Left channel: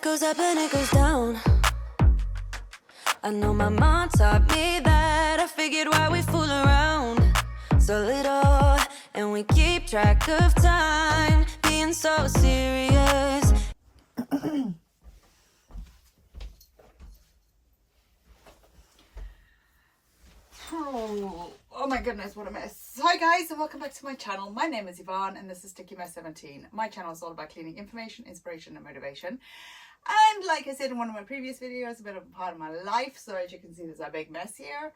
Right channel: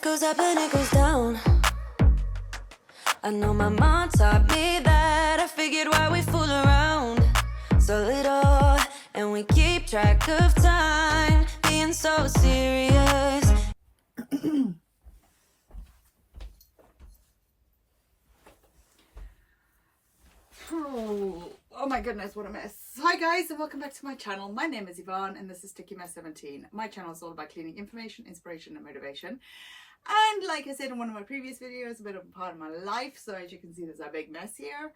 Life goes up and it goes down. I know my mom taught me that. I figured why we fool around so little, and we keep track of time, being so serious. Oh my goodness, what a mess. Hi guys, and welcome back to my channel. My name is Yvonne and this is STICKYMESS17. My channel is all about cleaning information, inspiration and motivation. And like I said in one of my previous videos, a bit of a part of my life. So as you can see, there's a big mess here.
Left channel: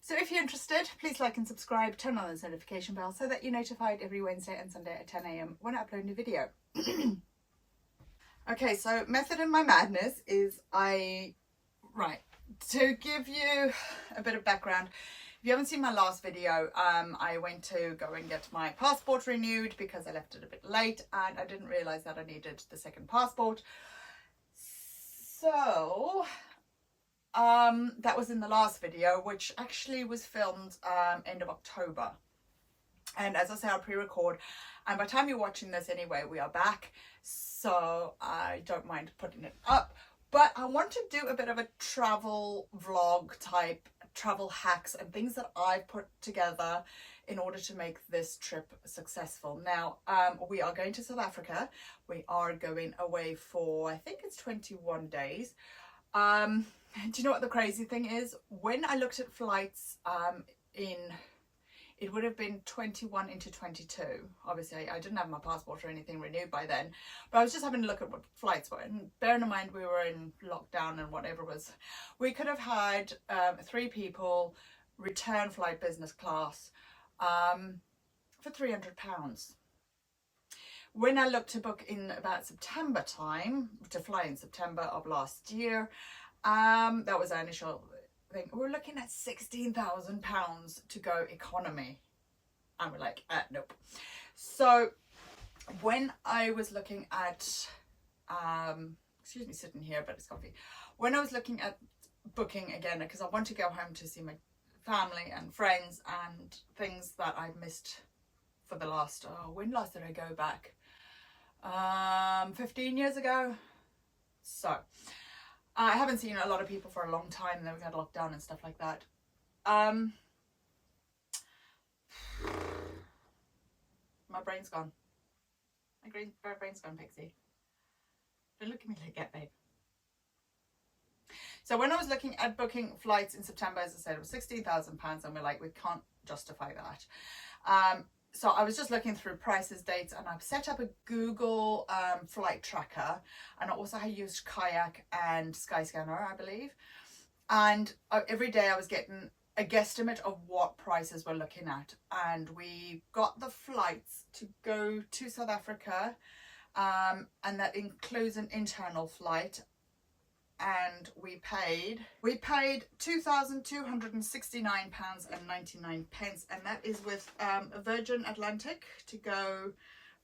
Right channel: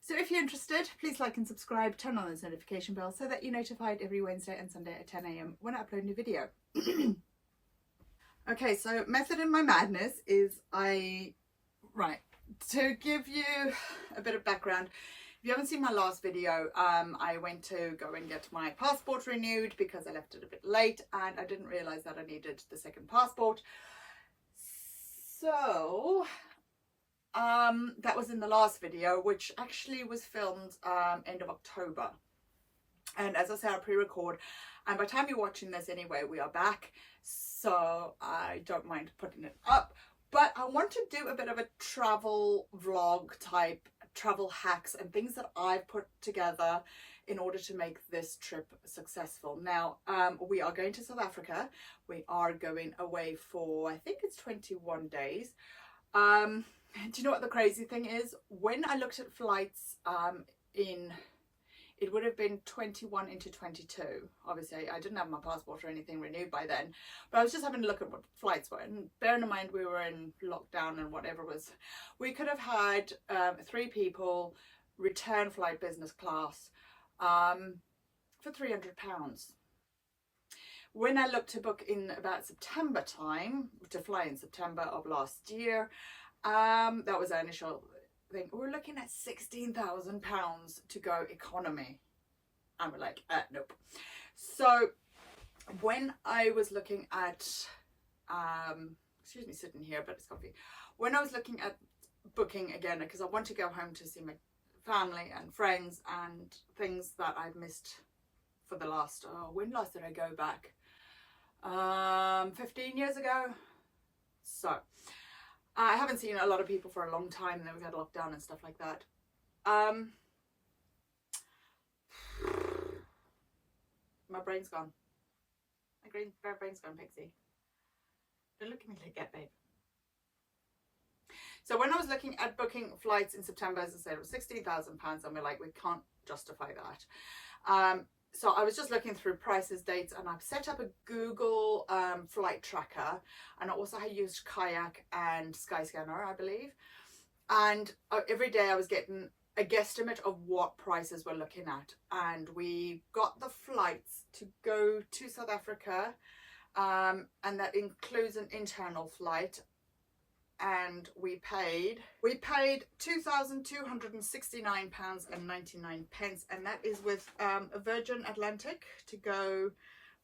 So if you're interested, please like and subscribe, turn on the notification bell so that you're notified every Wednesday and Sunday at 10 AM when I upload a new video. Okay, so method in my madness is to give you a bit of background. If you haven't seen my last video, I went to go and get my passport renewed because I left it a bit late and I didn't realize that I needed the second passport. So that was in the last video, which actually was filmed end of October. And as I say, I'll pre-record, and by the time you're watching this anyway, we are back, so I don't mind putting it up. But I want to do a bit of a travel vlog type, travel hacks and things that I've put together in order to make this trip successful. Now, we are going to South Africa. We are going away for, I think it's 21 days. Do you know what the crazy thing is? When I looked at flights it would have been 21 into 22. Obviously, I didn't have my passport or anything renewed by then, but I was just having a look at what flights were. And bearing in mind we were in lockdown and whatever was, we could have had 3 people return flight business class for £300. When I looked to book in about September time, to fly in September of last year, that was our initial thing. We're looking at £16,000 to go economy, and we're like, nope. So when I was looking at excuse me sitting here, but it's comfy. When I was looking at booking again, because I want to go home to see my family and friends and things that I've missed for the last when last did I go back? 15 years ago. So I haven't seen a lot of people for a long time, and then we've had lockdown and stuff like that. My brain's gone. My brain's gone, Pixie. Don't look at me like that, babe. So when I was looking at booking flights in September, as I said, it was £16,000, and we're like, we can't justify that. So I was just looking through prices, dates, and I've set up a Google flight tracker, and I also used Kayak and Skyscanner, I believe. And every day I was getting a guesstimate of what prices we're looking at, and we got the flights to go to South Africa, and that includes an internal flight. And we paid £2,269.99, and that is with a Virgin Atlantic to go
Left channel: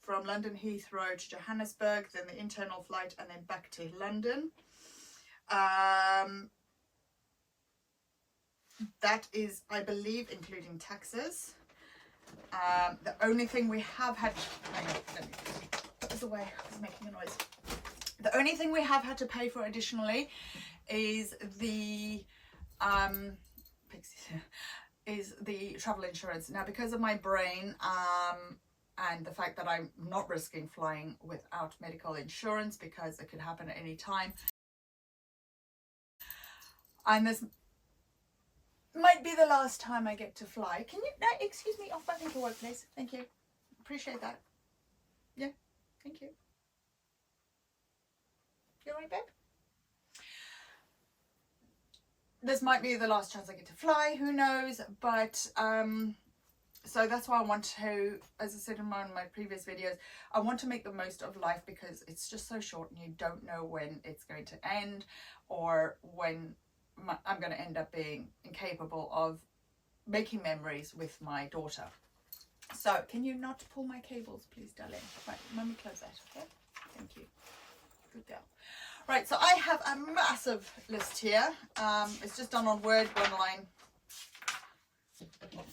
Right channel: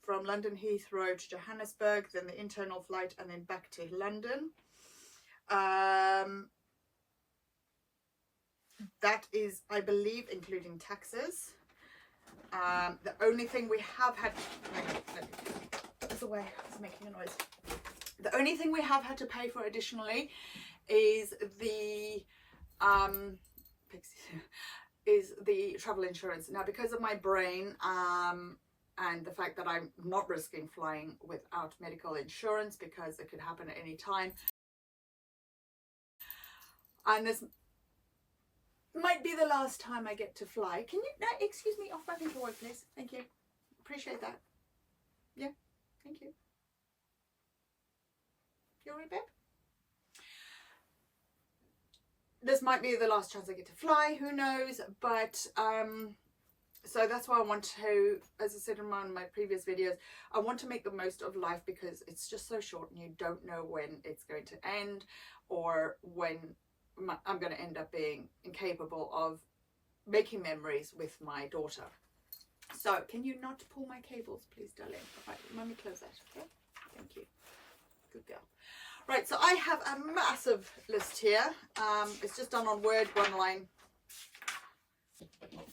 from London Heathrow to Johannesburg, then the internal flight, and then back to London. That is, I believe, including taxes. The only thing we have had, let me put this away, it's making a noise. The only thing we have had to pay for additionally is the travel insurance. Now, because of my brain and the fact that I'm not risking flying without medical insurance, because it could happen at any time, and this might be the last time I get to fly. Can you, no, excuse me, off my paperwork, please. Thank you. Appreciate that. Yeah, thank you. You alright, babe? This might be the last chance I get to fly, who knows, but so that's why I want to, as I said in one of my previous videos, I want to make the most of life, because it's just so short and you don't know when it's going to end, or when I'm going to end up being incapable of making memories with my daughter. So can you not pull my cables, please, darling? Right, let me close that, okay? Thank you. Good girl. Right, so I have a massive list here. It's just done on Word, one line,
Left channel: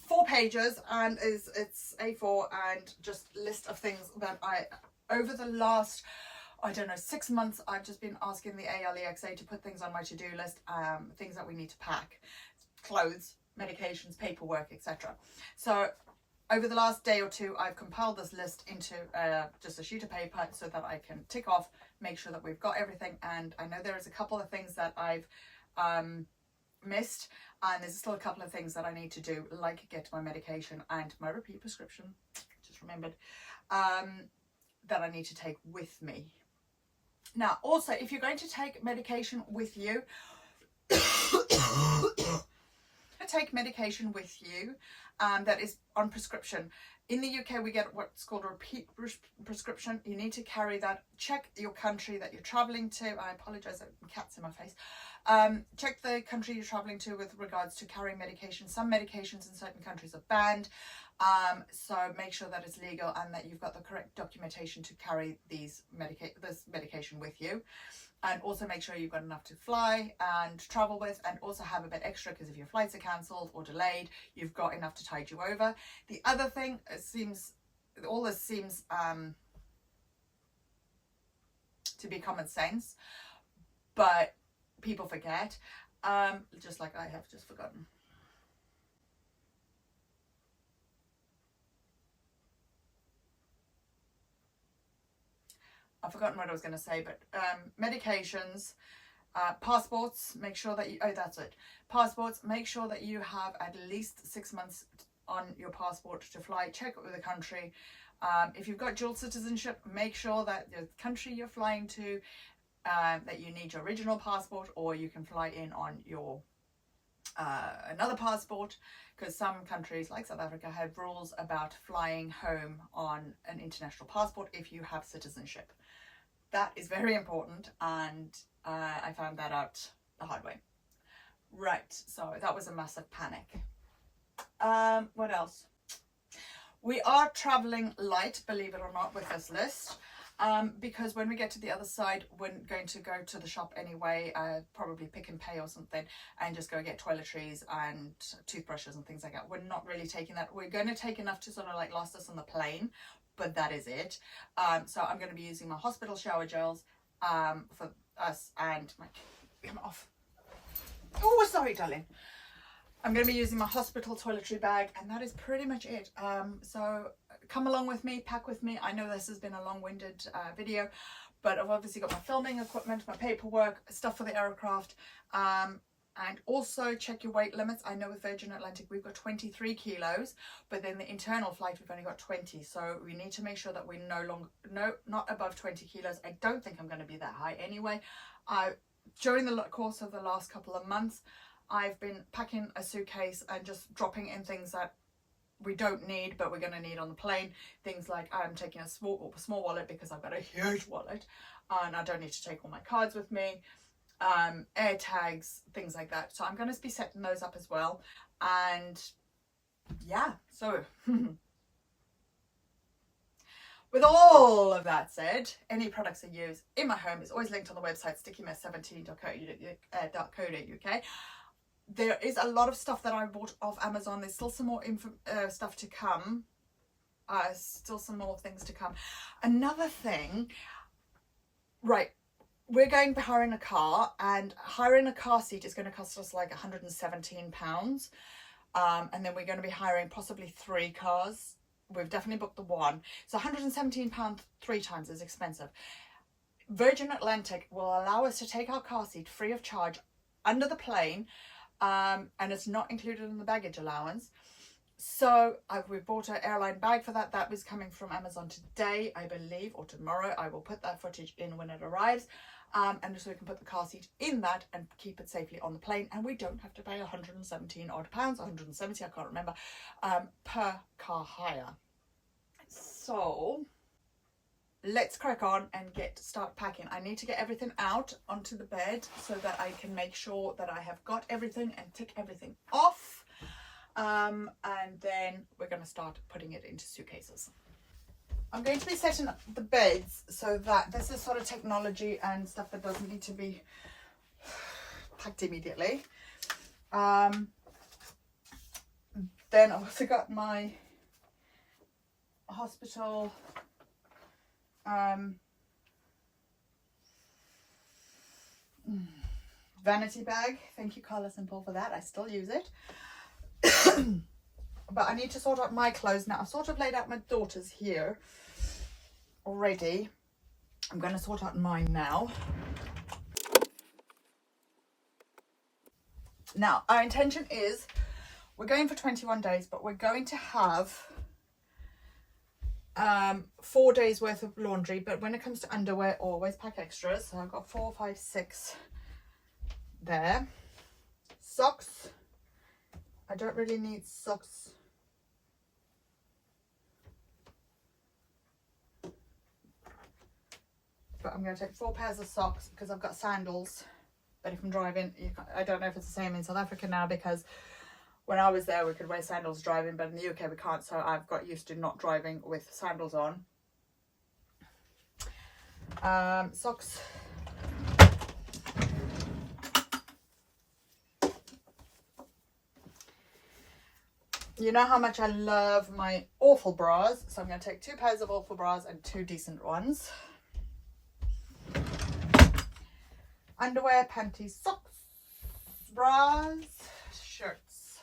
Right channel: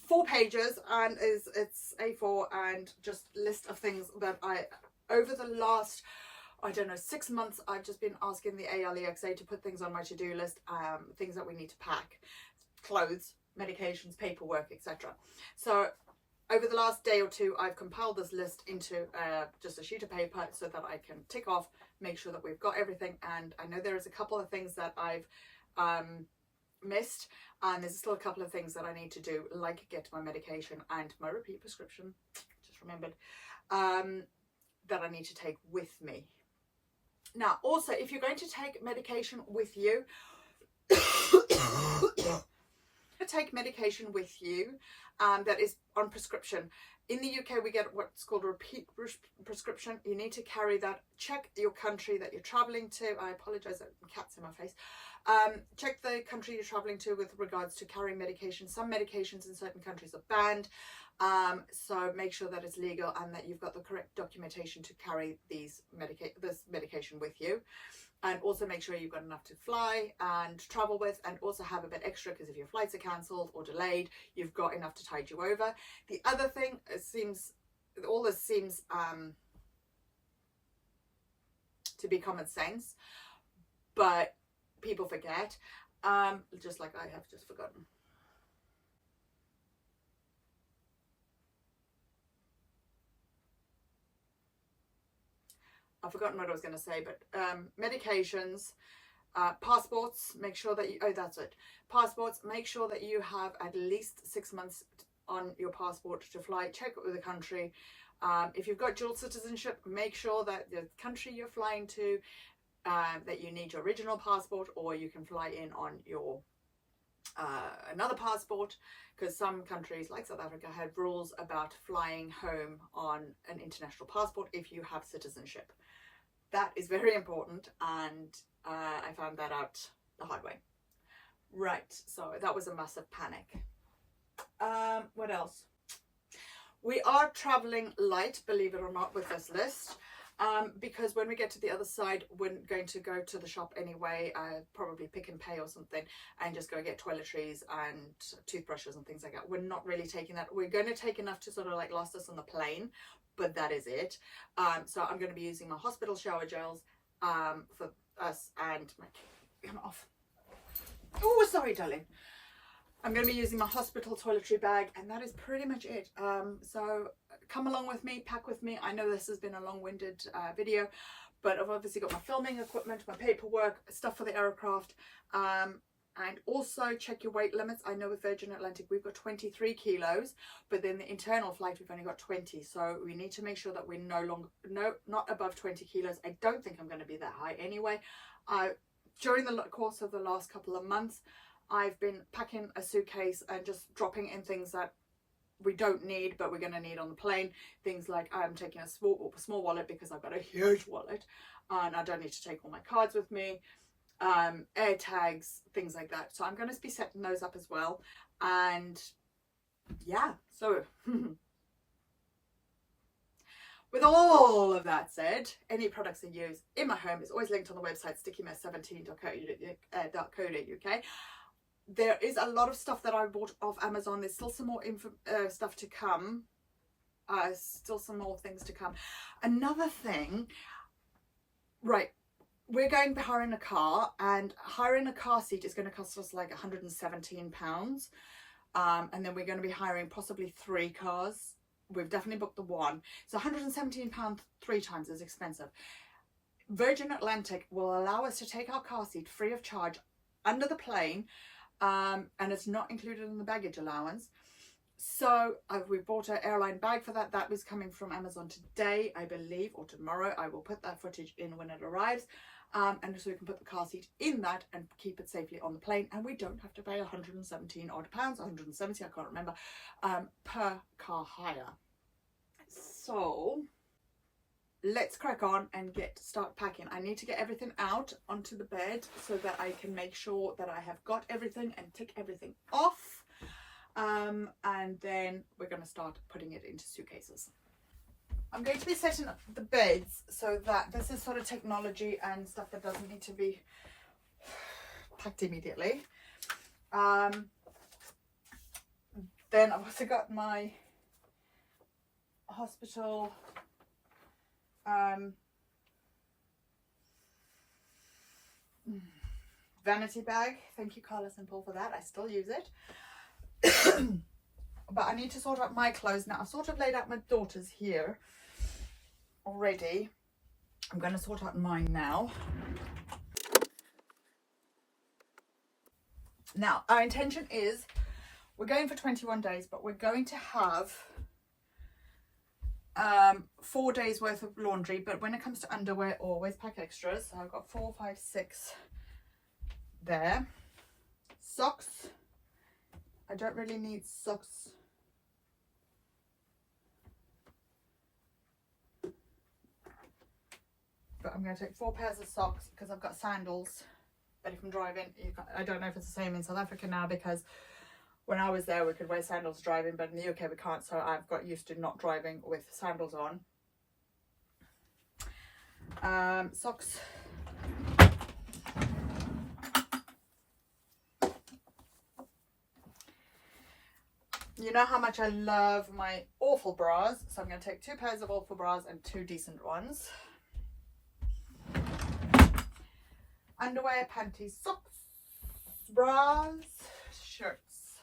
4 pages, and it's A4, and just list of things that I, over the last I don't know, 6 months, I've just been asking the ALEXA to put things on my to-do list, things that we need to pack, clothes, medications, paperwork, etc. So over the last day or two, I've compiled this list into just a sheet of paper so that I can tick off, make sure that we've got everything. And I know there's a couple of things that I've missed, and there's still a couple of things that I need to do, like get my medication and my repeat prescription, just remembered, that I need to take with me. Now, also, if you're going to take medication with you, take medication with you that is on prescription. In the UK, we get what's called a repeat prescription. You need to carry that. Check your country that you're traveling to. I apologize, there are cats in my face. Check the country you're traveling to with regards to carrying medication. Some medications in certain countries are banned, so make sure that it's legal and that you've got the correct documentation to carry this medication with you. And also make sure you've got enough to fly and travel with, and also have a bit extra, because if your flights are cancelled or delayed, you've got enough to tide you over. The other thing, all this seems to be common sense, but people forget, just like I have just forgotten. I've forgotten what I was going to say, but medications, passports, make sure that you, oh, that's it. Passports, make sure that you have at least 6 months on your passport to fly. Check it with the country. If you've got dual citizenship, make sure that the country you're flying to, that you need your original passport, or you can fly in on your another passport, because some countries like South Africa have rules about flying home on an international passport if you have citizenship. That is very important, and I found that out the hard way. Right, so that was a massive panic. What else? We are traveling light, believe it or not, with this list. Because when we get to the other side, we're going to go to the shop anyway, probably Pick and Pay or something, and just go get toiletries and toothbrushes and things like that. We're not really taking that. We're going to take enough to sort of like last us on the plane, but that is it. So I'm going to be using my hospital shower gels for us and my... Come off. Oh, sorry, darling. I'm going to be using my hospital toiletry bag, and that is pretty much it. So come along with me, pack with me. I know this has been a long-winded video, but I've obviously got my filming equipment, my paperwork, stuff for the aircraft, and also check your weight limits. I know with Virgin Atlantic we've got 23 kilos, but then the internal flight we've only got 20, so we need to make sure that we're not above 20 kilos. I don't think I'm going to be that high anyway. During the course of the last couple of months, I've been packing a suitcase and just dropping in things that we don't need but we're going to need on the plane. Things like I'm taking a small wallet because I've got a huge wallet and I don't need to take all my cards with me, air tags, things like that. So I'm going to be setting those up as well. And yeah, so with all of that said, any products I use in my home is always linked on the website STICKYMESS17.co.uk. There is a lot of stuff that I bought off Amazon. There's still some more stuff to come. Still some more things to come. Another thing, right, we're going to be hiring a car, and hiring a car seat is going to cost us like £117. And then we're going to be hiring possibly 3 cars. We've definitely booked the one. So £117 3 times is expensive. Virgin Atlantic will allow us to take our car seat free of charge under the plane. And it's not included in the baggage allowance. So we've bought an airline bag for that. That was coming from Amazon today, I believe, or tomorrow. I will put that footage in when it arrives. And so we can put the car seat in that and keep it safely on the plane. And we don't have to pay 117 odd pounds, 170, I can't remember, per car hire. So let's crack on and start packing. I need to get everything out onto the bed so that I can make sure that I have got everything and tick everything off. And then we're going to start putting it into suitcases. I'm going to be setting up the beds so that this is sort of technology and stuff that doesn't need to be packed immediately. Then I've also got my hospital vanity bag. Thank you, Colour Simple, for that. I still use it. But I need to sort out my clothes now. I've sort of laid out my daughter's here already. I'm going to sort out mine now. Now, our intention is we're going for 21 days, but we're going to have 4 days worth of laundry. But when it comes to underwear, always pack extras. So I've got 4, 5, 6 there. Socks. I don't really need socks. But I'm going to take 4 pairs of socks because I've got sandals. But if I'm driving, I don't know if it's the same in South Africa now, because when I was there we could wear sandals driving, but in the UK we can't, so I've got used to not driving with sandals on. Socks. You know how much I love my awful bras, so I'm going to take 2 pairs of awful bras and 2 decent ones. Underwear, panties, socks, bras, shirts.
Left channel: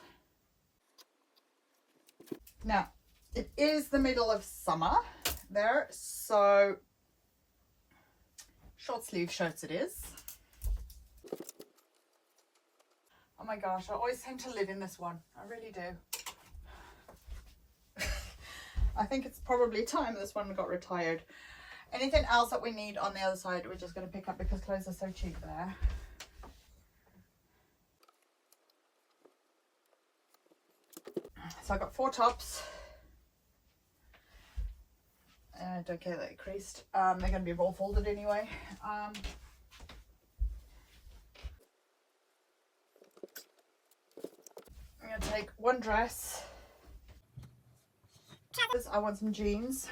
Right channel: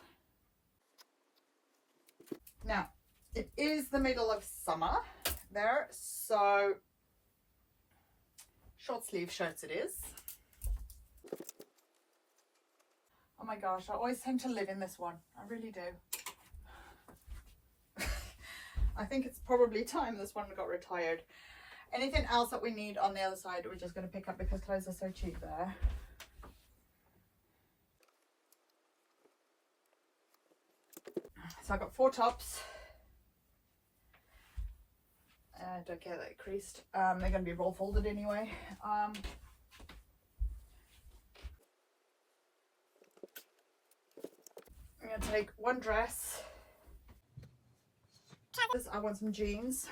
Now, it is the middle of summer there, so short sleeve shirts it is. Oh my gosh, I always tend to live in this one. I really do. I think it's probably time this one got retired. Anything else that we need on the other side, we're just going to pick up because clothes are so cheap there. So I got 4 tops. Don't care that it creased. They're going to be roll folded anyway. I'm going to take 1 dress. I want some jeans.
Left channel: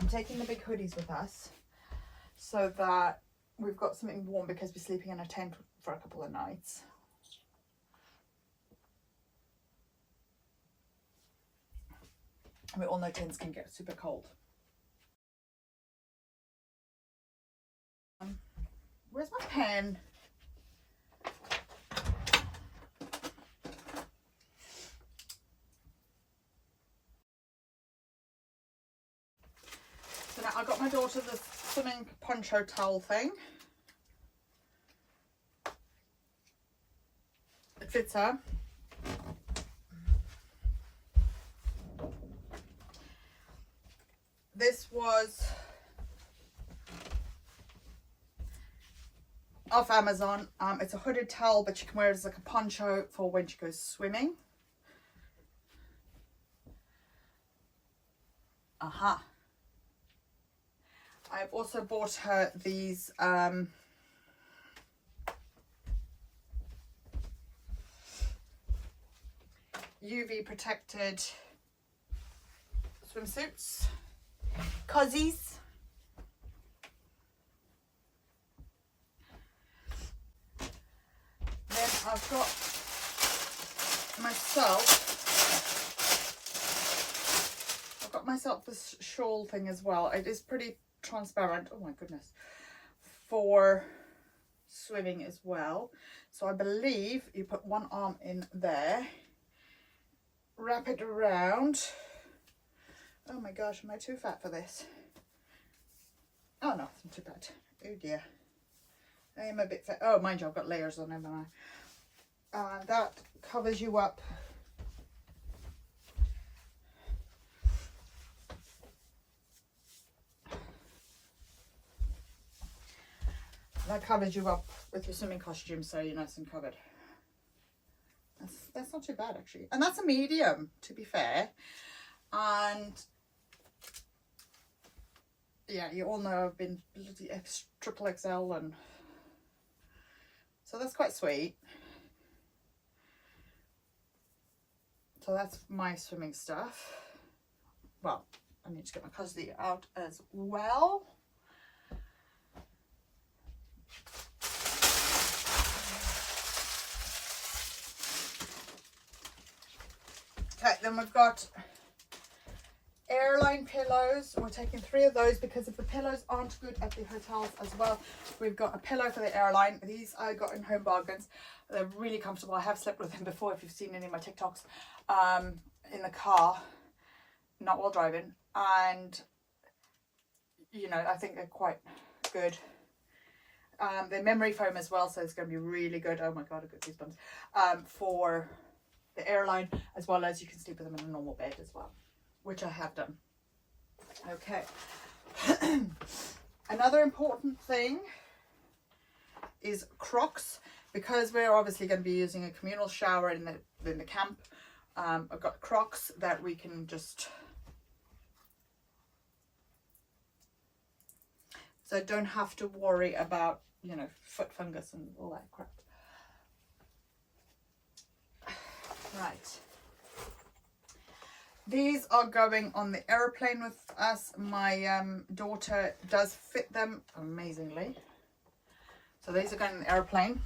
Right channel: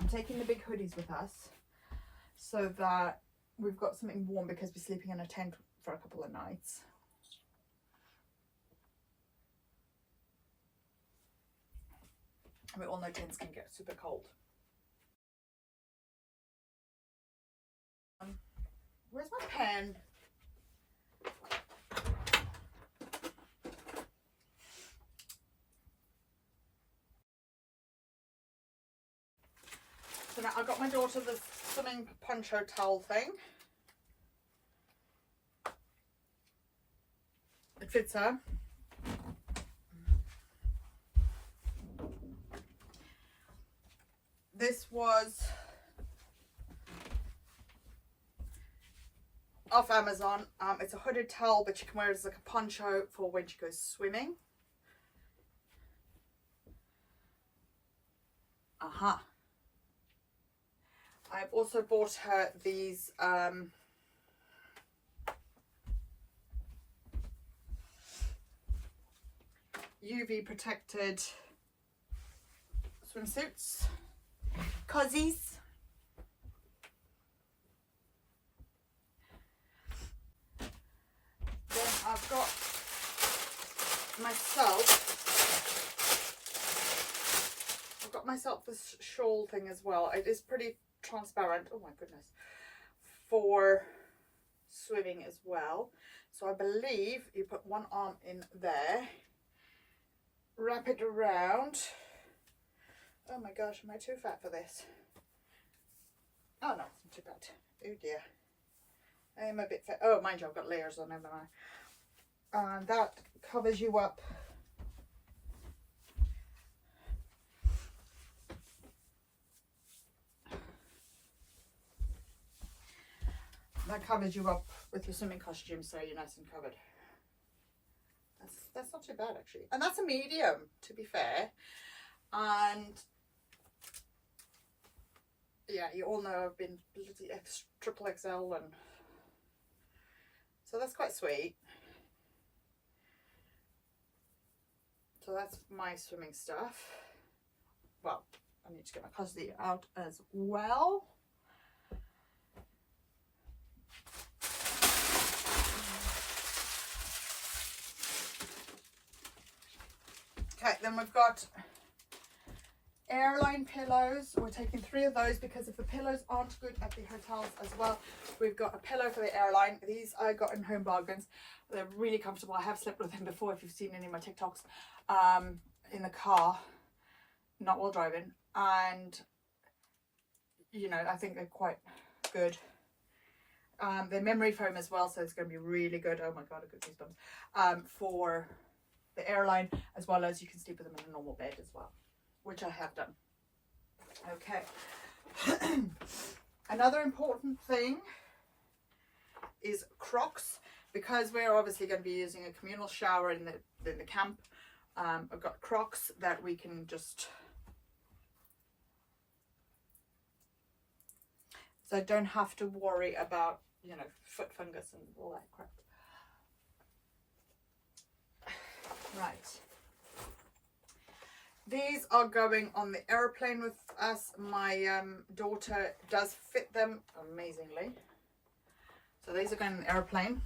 I'm taking the big hoodies with us so that we've got something warm because we're sleeping in a tent for a couple of nights. We all know tents can get super cold. Where's my pen? So now I got my daughter the swimming poncho towel thing. It fits her. This was off Amazon. It's a hooded towel, but you can wear it as like a poncho for when she goes swimming. I've also bought her these UV protected swimsuits, cozies. Then I've got myself this shawl thing as well. It is pretty transparent, oh my goodness, for swimming as well. So I believe you put one arm in there, wrap it around. Oh my gosh, am I too fat for this? Oh no, I'm too fat. Oh dear, I am a bit fat. Oh, mind you, I've got layers on, haven't I? And that covers you up. That covers you up with your swimming costume, so you're nice and covered. That's not too bad actually, and that's a medium, to be fair. And yeah, you all know I've been bloody triple XL, and so that's quite sweet. So that's my swimming stuff. Well, I need to get my custody out as well. Okay, then we've got airline pillows. We're taking 3 of those because if the pillows aren't good at the hotels as well, we've got a pillow for the airline. These I got in Home Bargains. They're really comfortable. I have slept with them before if you've seen any of my TikToks, in the car, not while driving, and you know, I think they're quite good. They're memory foam as well, so it's going to be really good. Oh my god, I got goosebumps. For the airline, as well as you can sleep with them in a normal bed as well, which I have done. Okay. Another important thing is Crocs, because we're obviously going to be using a communal shower in the camp. I've got Crocs that we can just, so I don't have to worry about, you know, foot fungus and all that crap. Right. These are going on the airplane with us. My daughter does fit them amazingly. So these are going on the airplane.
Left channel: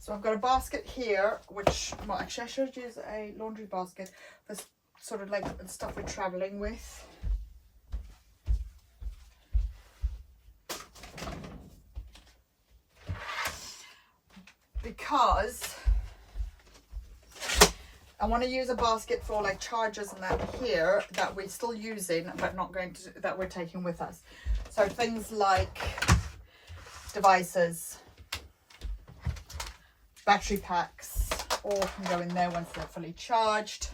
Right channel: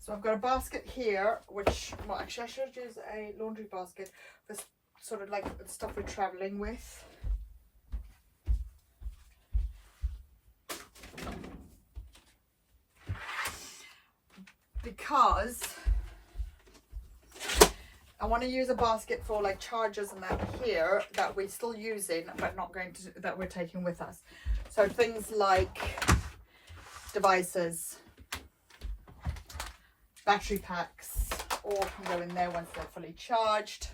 So I've got a basket here, which, well, actually I should use a laundry basket for sort of like the stuff we're traveling with. Because I want to use a basket for like chargers and that here that we're still using but not going to, that we're taking with us. So things like devices, battery packs, all can go in there once they're fully charged.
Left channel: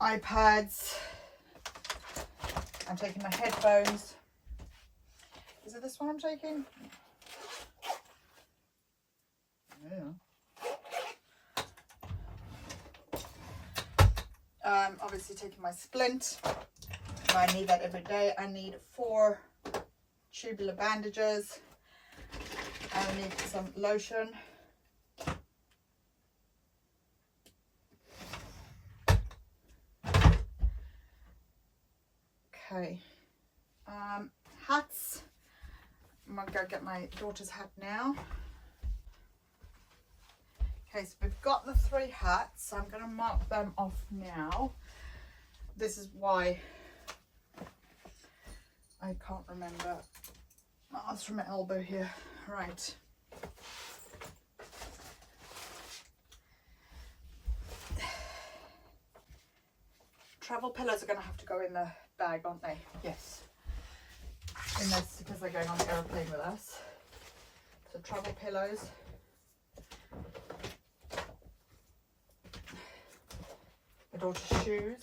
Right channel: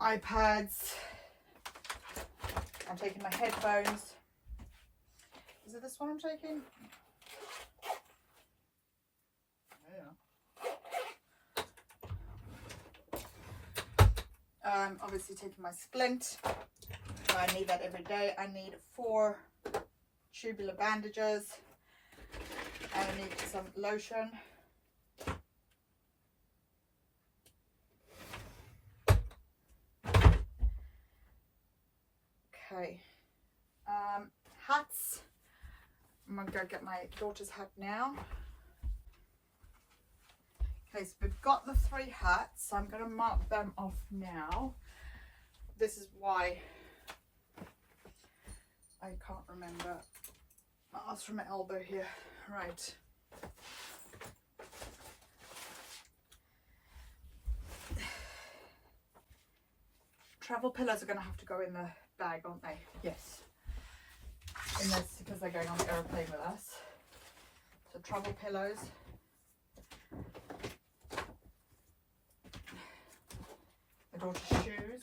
iPads. I'm taking my headphones. Is it this one I'm taking? Yeah. Obviously taking my splint. I need that every day. I need 4 tubular bandages. I need some lotion. Okay. Hats. I'm gonna go get my daughter's hat now. Okay, so we've got the 3 hats. So I'm going to mark them off now. This is why I can't remember. Oh, it's from my elbow here. Right. Travel pillows are going to have to go in the bag, aren't they? Yes. In this, because they're going on the aeroplane with us. So travel pillows. My daughter's shoes.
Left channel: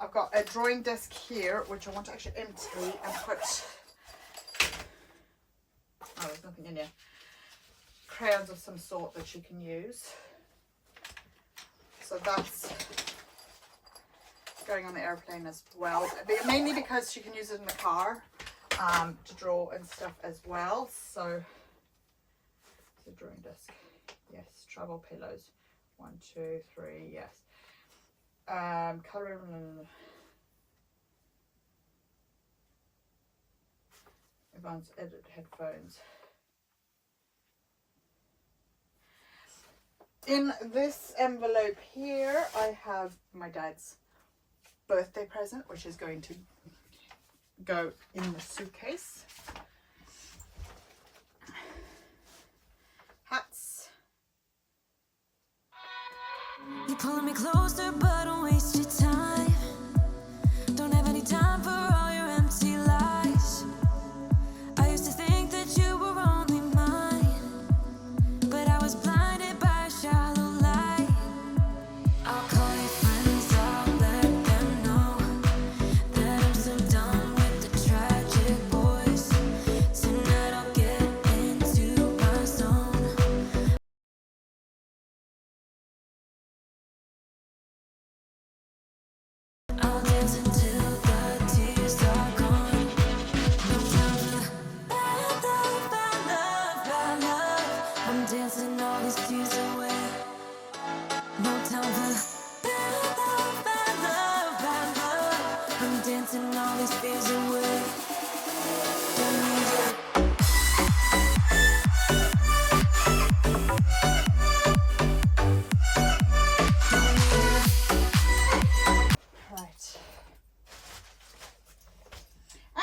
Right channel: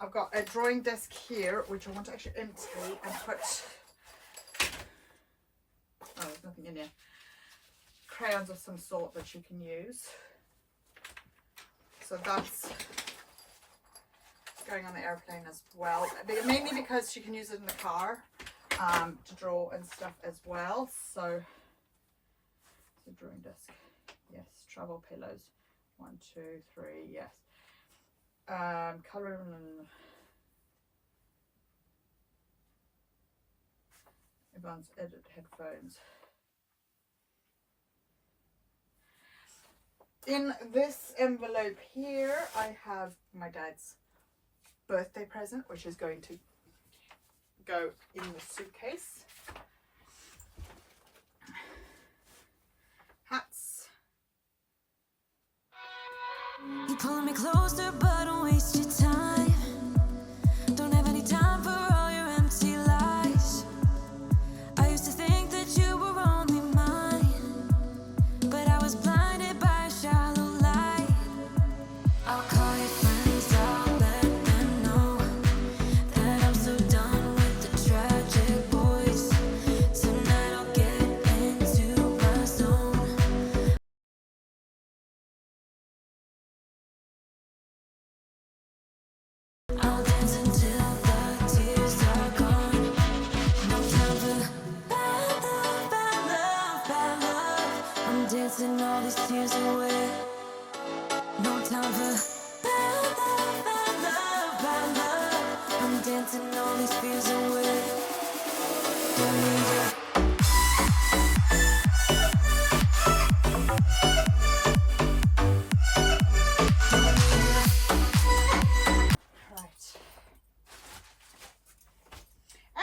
I've got a drawing desk here, which I want to actually empty and put, oh, there's nothing in here, crayons of some sort that you can use. So that's going on the airplane as well, mainly because she can use it in the car to draw and stuff as well. So the drawing desk, yes. Travel pillows, 1, 2, 3, yes. Colour and advanced edit headphones. In this envelope here I have my dad's birthday present, which is going to go in the suitcase. Hats. You pulling me closer, but don't waste your time. Don't have any time for all your empty lies. I used to think that you were only mine, but I was blinded by a shallow light. I'll call you friends, I'll let them know that I'm so done with the tragic boys. Tonight I'll get into my zone. I'm dancing all these tears away. No time for bad love, bad love, bad love. I'm dancing all these fears away. Don't need you.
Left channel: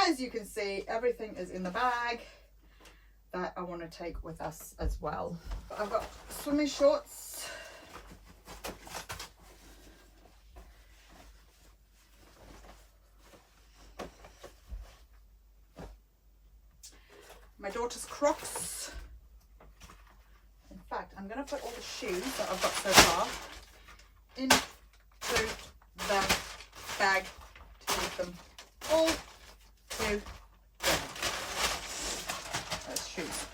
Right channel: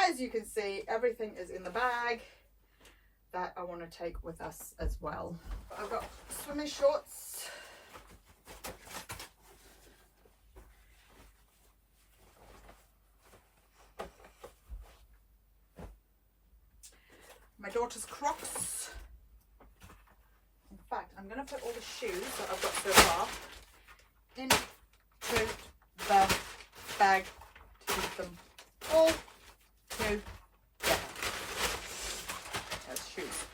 As you can see, everything is in the bag that I want to take with us as well. I've got swimming shorts, my daughter's Crocs. In fact, I'm going to put all the shoes that I've got so far into the bag to keep them all together. Those shoes.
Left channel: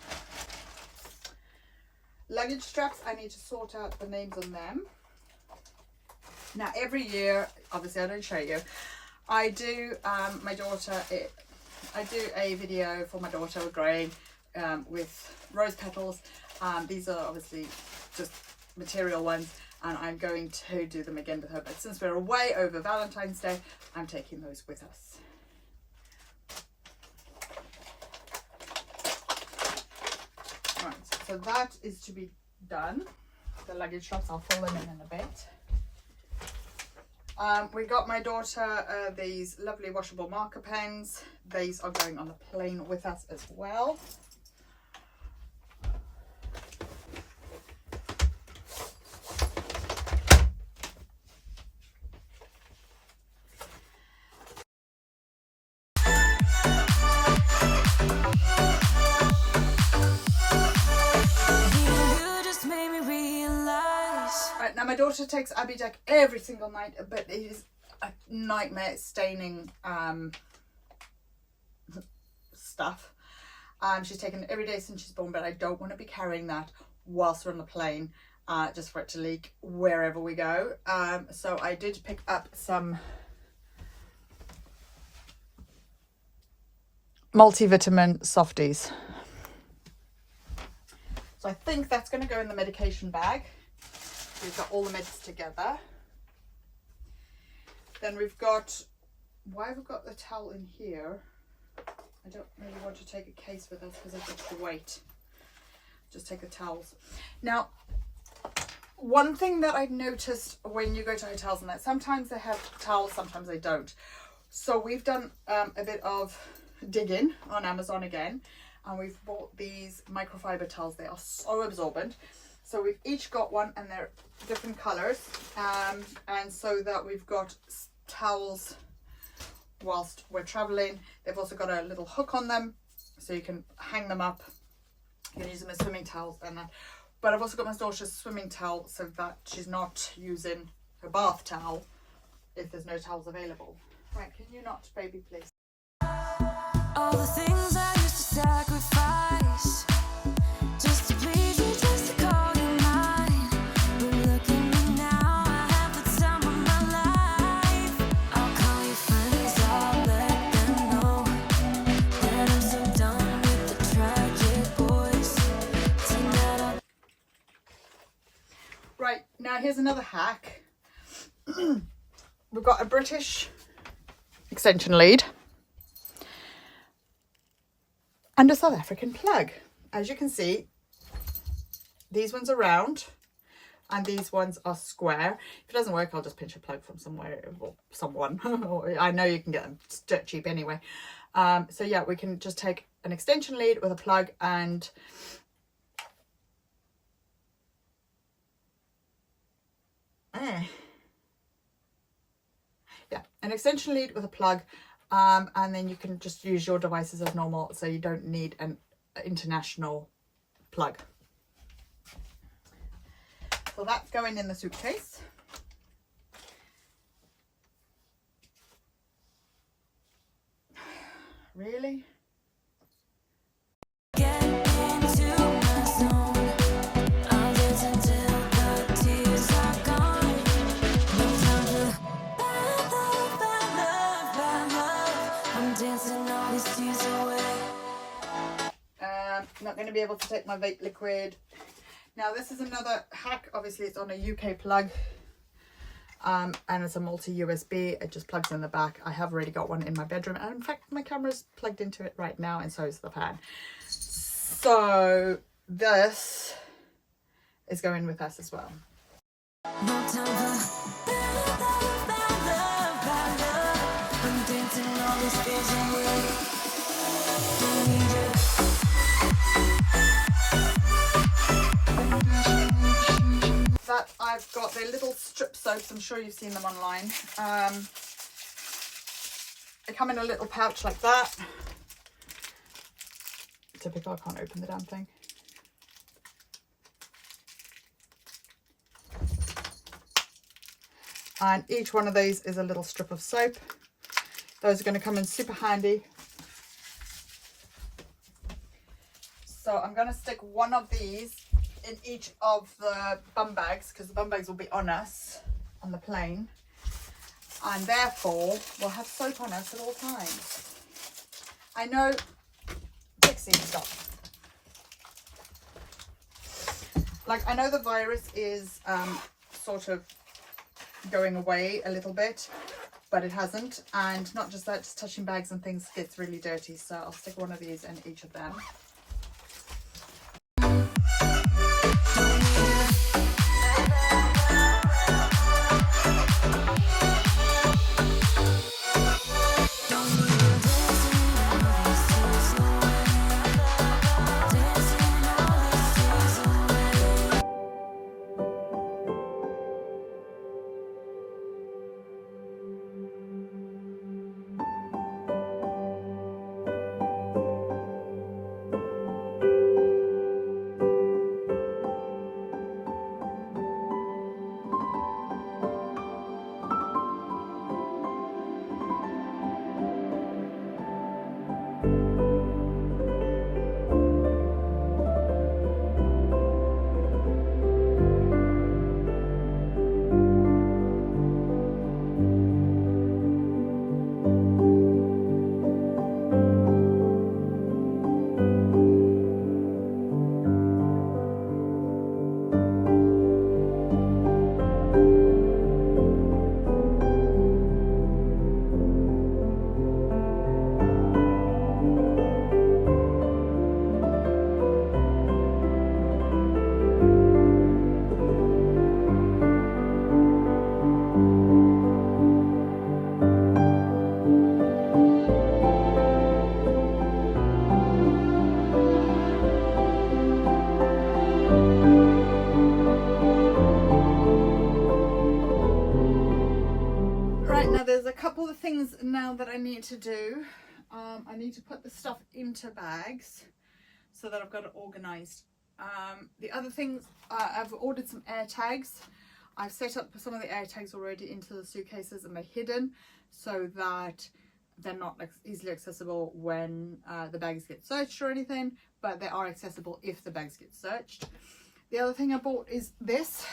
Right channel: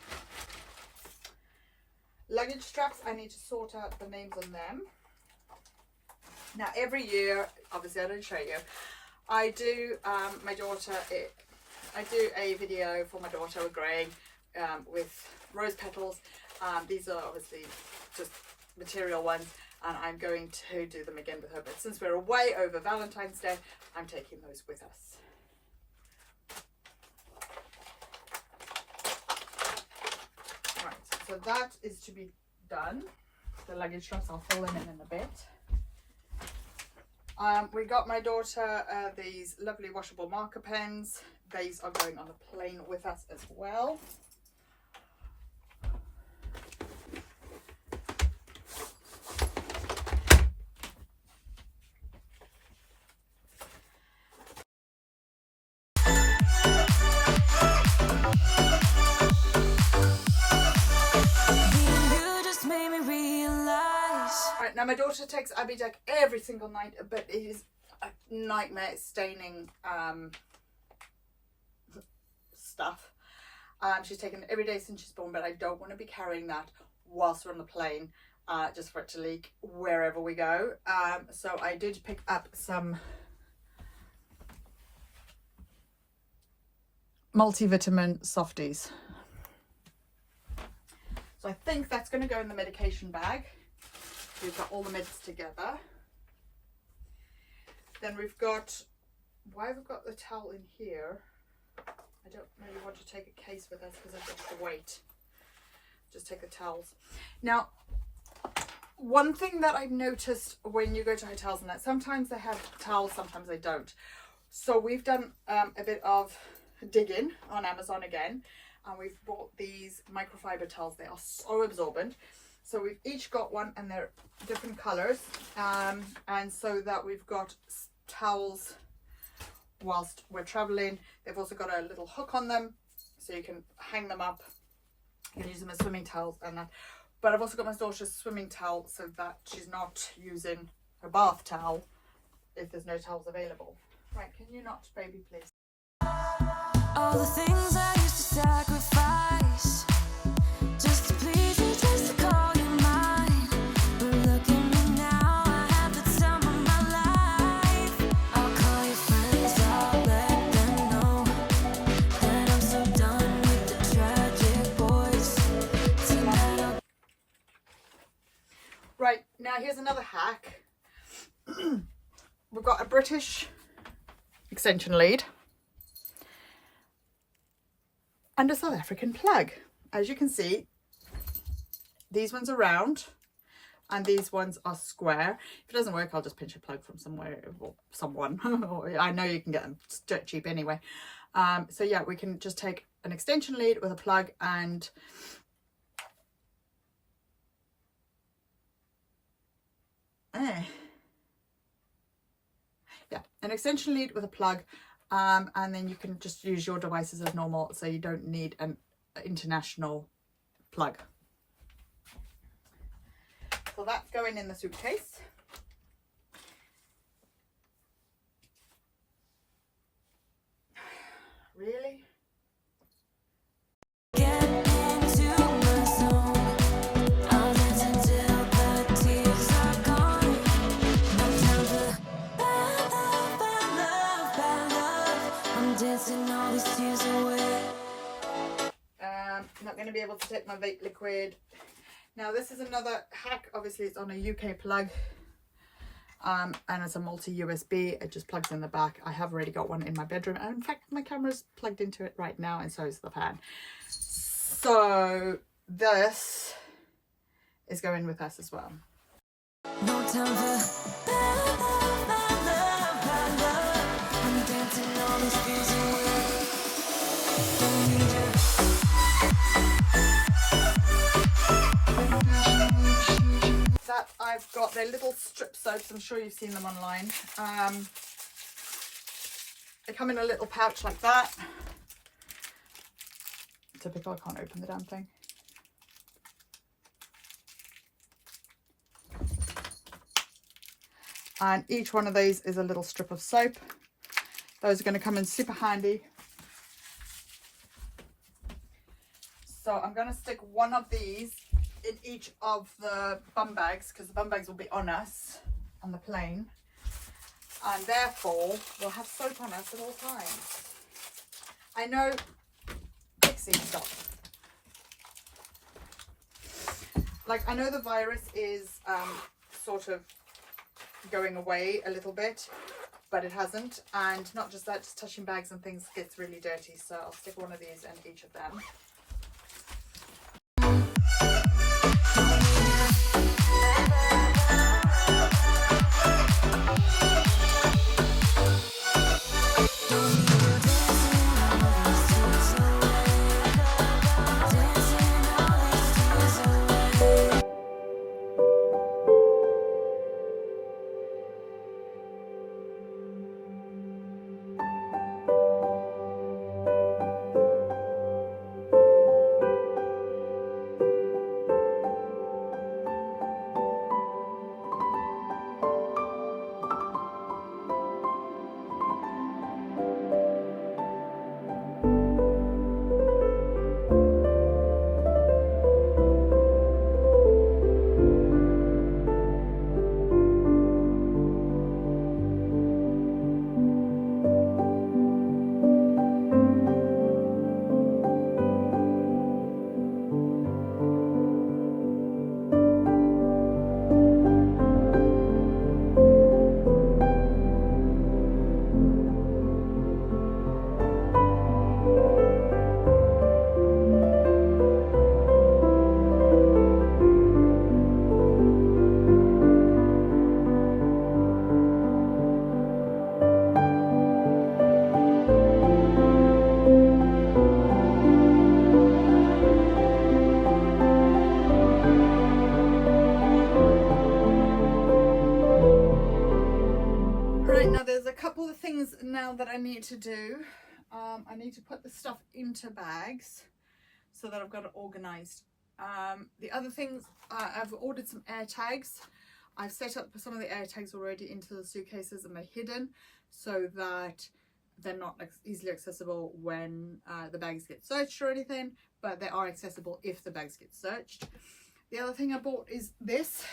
Luggage straps, I need to sort out the names on them. Now every year, obviously I don't show you, I do my daughter, I do a video for my daughter growing with rose petals. These are obviously just material ones, and I'm going to do them again with her, but since we're away over Valentine's Day, I'm taking those with us. So that is to be done. The luggage straps, I'll fill them in a bit. We got my daughter these lovely washable marker pens. These are going on the plane with us as well. Now my daughter takes Abby Deck every single night, but it is a nightmare staining stuff. She's taken it every day since she's born, but I don't want to be carrying that whilst we're on the plane, just for it to leak wherever we go. So I did pick up some multivitamin softies. So I think that's going to go in the medication bag. We've got all the meds together. Then we've got, why have we got the towel in here? I don't really want to take a case with us because of the weight. Just take the towels. Now, one thing that I've noticed when you go to hotels and that sometimes they have towels, sometimes they don't. So we've done a bit of digging on Amazon again, and we've bought these microfiber towels. They are so absorbent. So we've each got one, and they're different colors, and so that we've got towels whilst we're traveling. They've also got a little hook on them, so you can hang them up. You can use them as swimming towels and that. But I've also got my daughter's swimming towel, so that she's not using her bath towel if there's no towels available. Right, can you not, baby, please? All the things I used to sacrifice just to please you, just to call you mine. But look at me now, I have the time of my life. I'll call your friends, I'll let them know that I'm so done with the tragic boys. Tonight I'll... Right, now here's another hack. We've got a British extension lead and a South African plug. As you can see, these ones are round and these ones are square. If it doesn't work, I'll just pinch a plug from somewhere or someone. I know you can get them dirt cheap anyway. So yeah, we can just take an extension lead with a plug and yeah, an extension lead with a plug, and then you can just use your devices as normal, so you don't need an international plug. So that's going in the suitcase. Really? Get into my zone. I'll dance until the tears are gone. No time for bad love, bad love, bad love. I'm dancing all these tears away. Not going to be able also take my vape liquid. Now this is another hack. Obviously it's on a UK plug, and it's a multi-USB. It just plugs in the back. I have already got one in my bedroom, and in fact my camera's plugged into it right now, and so is the fan. So this is going with us as well. No time for bad love, bad love, bad love. I'm dancing all these fears away. Don't need you. But I've got their little strip soaps. I'm sure you've seen them online. They come in a little pouch like that. Typical, I can't open the damn thing. And each one of these is a little strip of soap. Those are going to come in super handy. So I'm going to stick one of these in each of the bum bags, because the bum bags will be on us on the plane, and therefore we'll have soap on us at all times. I know, Pixie, stop. Like, I know the virus is sort of going away a little bit, but it hasn't. And not just that, just touching bags and things gets really dirty, so I'll stick one of these in each of them. Right, now there's a couple of things now that I need to do. I need to put the stuff into bags so that I've got it organized. The other things, I've ordered some air tags. I've set up some of the air tags already into the suitcases, and they're hidden so that they're not easily accessible when the bags get searched or anything, but they are accessible if the bags get searched. The other thing I bought is this.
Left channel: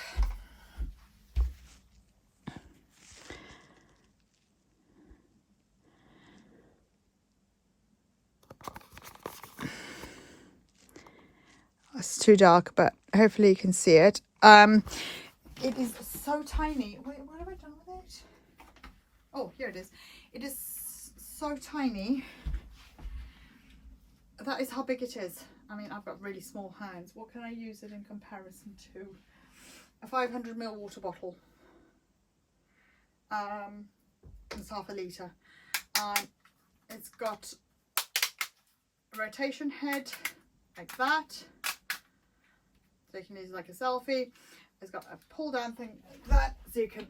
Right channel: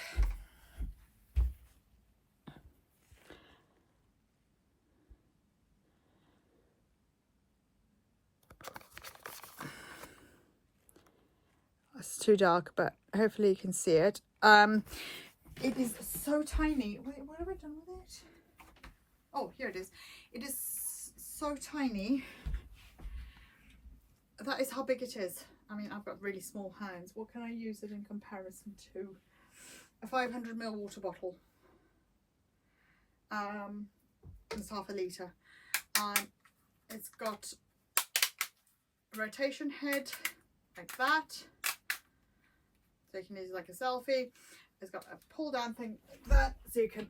It's too dark, but hopefully you can see it. It is so tiny. Wait, what have I done with it? Oh, here it is. It is so tiny. That is how big it is. I mean, I've got really small hands. What can I use it in comparison to? A 500ml water bottle. It's half a litre. And it's got a rotation head like that. So you can use it like a selfie. It's got a pull down thing like that, so you can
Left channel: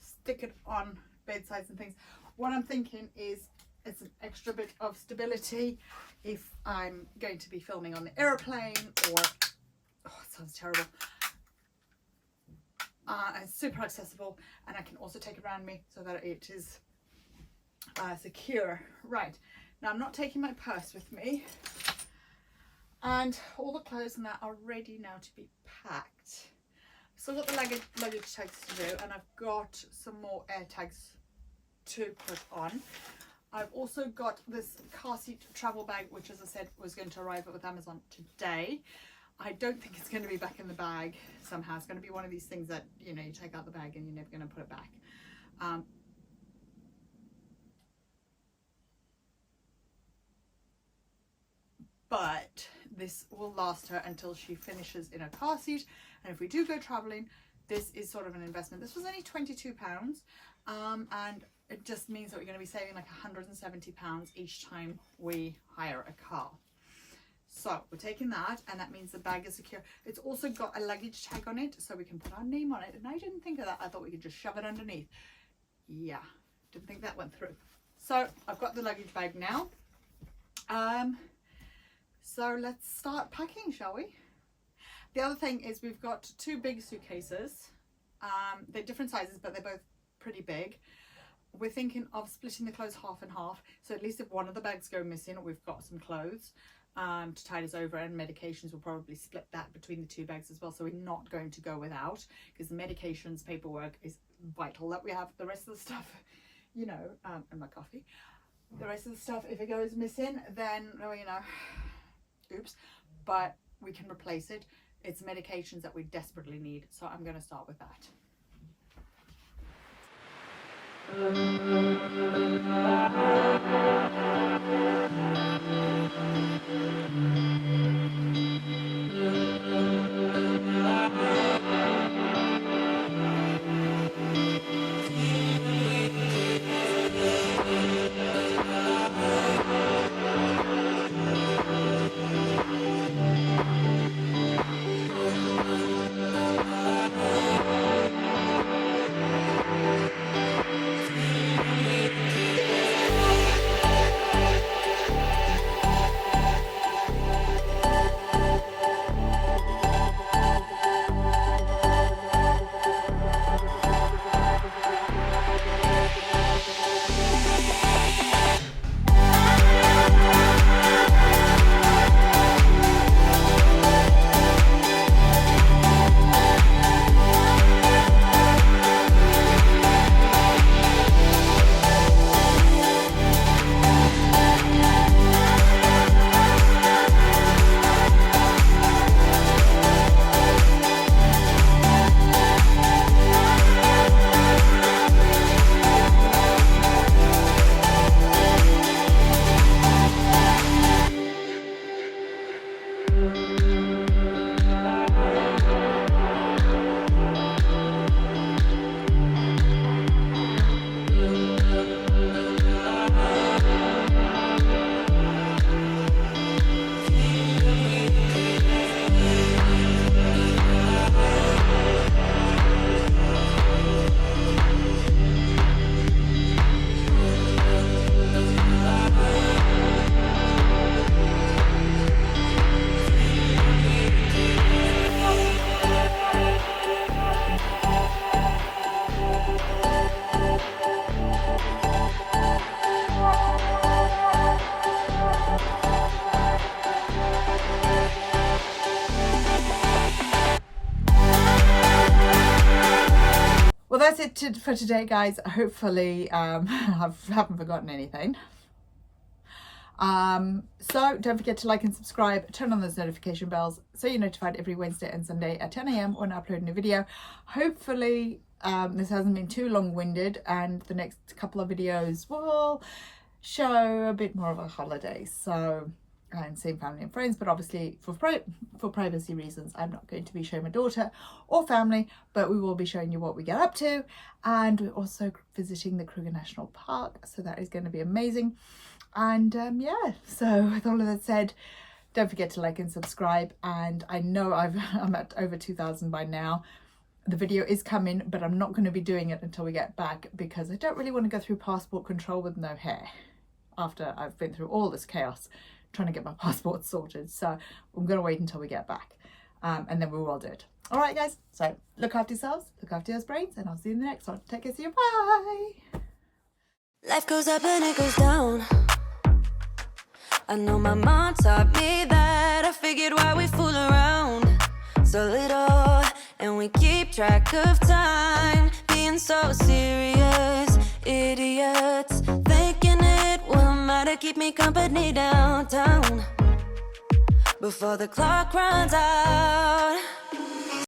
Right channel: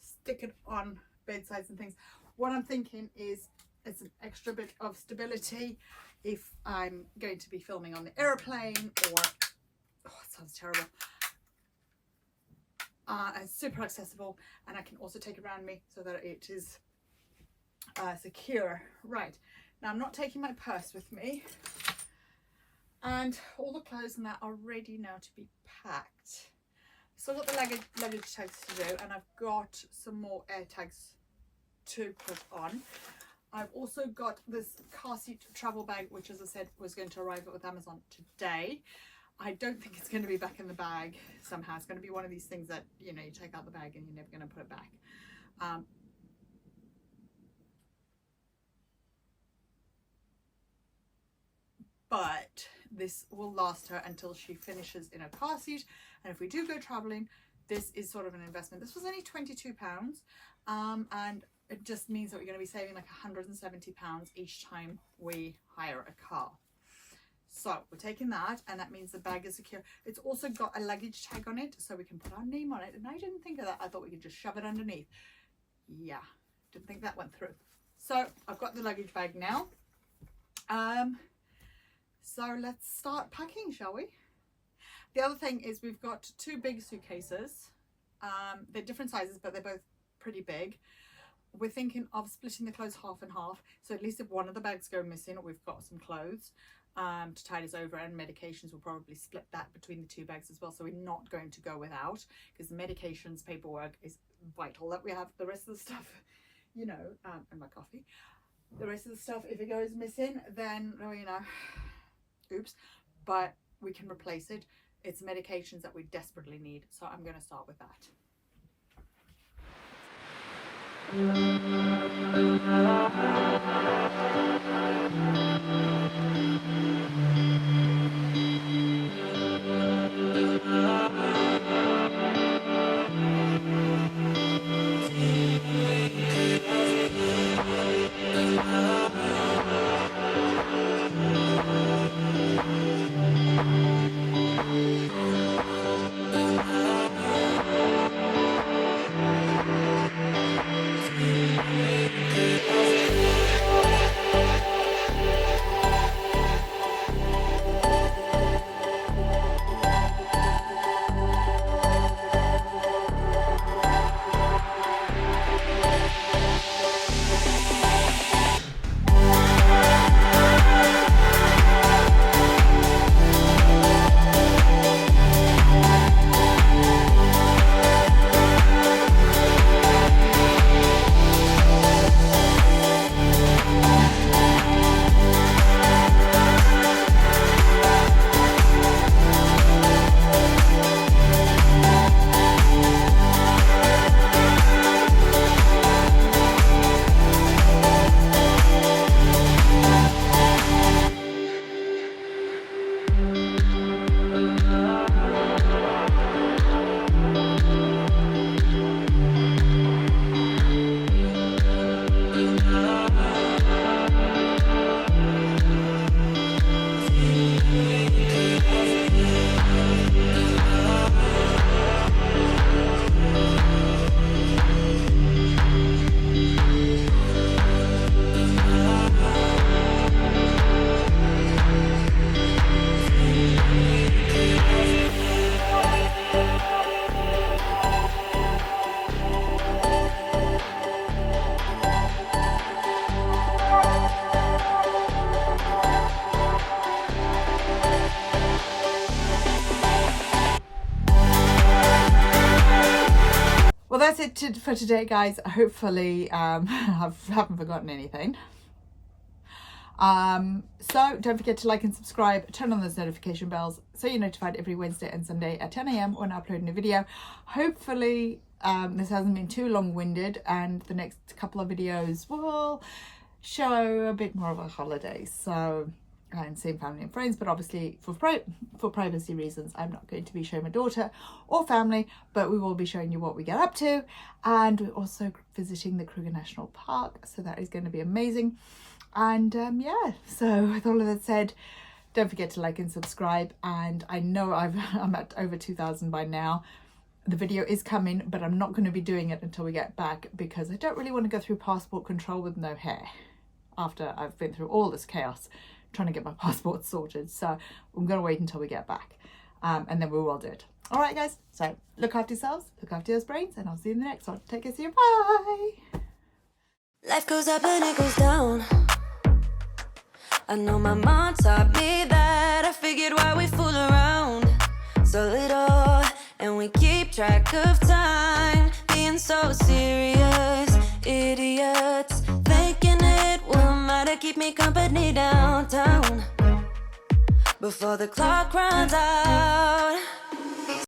stick it on bedsides and things. What I'm thinking is it's an extra bit of stability if I'm going to be filming on the airplane, or oh, it sounds terrible. It's super accessible, and I can also take it around me so that it is secure. Right, now I'm not taking my purse with me, and all the clothes and that are ready now to be packed. Still got the luggage tags to do, and I've got some more air tags to put on. I've also got this car seat travel bag, which, as I said, was going to arrive with Amazon today. I don't think it's going to be back in the bag somehow. It's going to be one of these things that, you know, you take out the bag and you're never going to put it back. But this will last her until she finishes in a car seat. And if we do go traveling, this is sort of an investment. This was only £22, and it just means that we're going to be saving like £170 each time we hire a car. So we're taking that, and that means the bag is secure. It's also got a luggage tag on it, so we can put our name on it. And I didn't think of that. I thought we could just shove it underneath. Yeah, didn't think that went through. So I've got the luggage bag now. So let's start packing, shall we? The other thing is we've got two big suitcases. They're different sizes, but they're both pretty big. We're thinking of splitting the clothes half and half. So at least if one of the bags go missing, we've got some clothes to tide us over, and medications will probably split that between the two bags as well. So we're not going to go without, because the medications paperwork is vital that we have. The rest of the stuff, you know, and my coffee. The rest of the stuff, if it goes missing, then, oh, you know, oops, but we can replace it. It's medications that we desperately need, so I'm going to start with that. Well, that's it for today, guys. Hopefully I haven't forgotten anything. So don't forget to like and subscribe, turn on those notification bells so you're notified every Wednesday and Sunday at 10 AM when I upload a new video. Hopefully this hasn't been too long-winded, and the next couple of videos will show a bit more of a holiday, so and seeing family and friends, but obviously for privacy reasons I'm not going to be showing my daughter or family, but we will be showing you what we get up to. And we're also visiting the Kruger National Park, so that is going to be amazing. And yeah, so with all of that said, don't forget to like and subscribe. And I know I'm at over 2,000 by now. The video is coming, but I'm not going to be doing it until we get back, because I don't really want to go through passport control with no hair after I've been through all this chaos trying to get my passport sorted. So I'm going to wait until we get back, and then we will do it. All right, guys, so look after yourselves, look after your brains, and I'll see you in the next one. Take care, see you, bye. Life goes up and it goes down. I know my mom taught me that. I figured why we fool around so little, and we keep track of time, being so serious, idiots, thinking it smile to keep me company downtown before the clock runs out.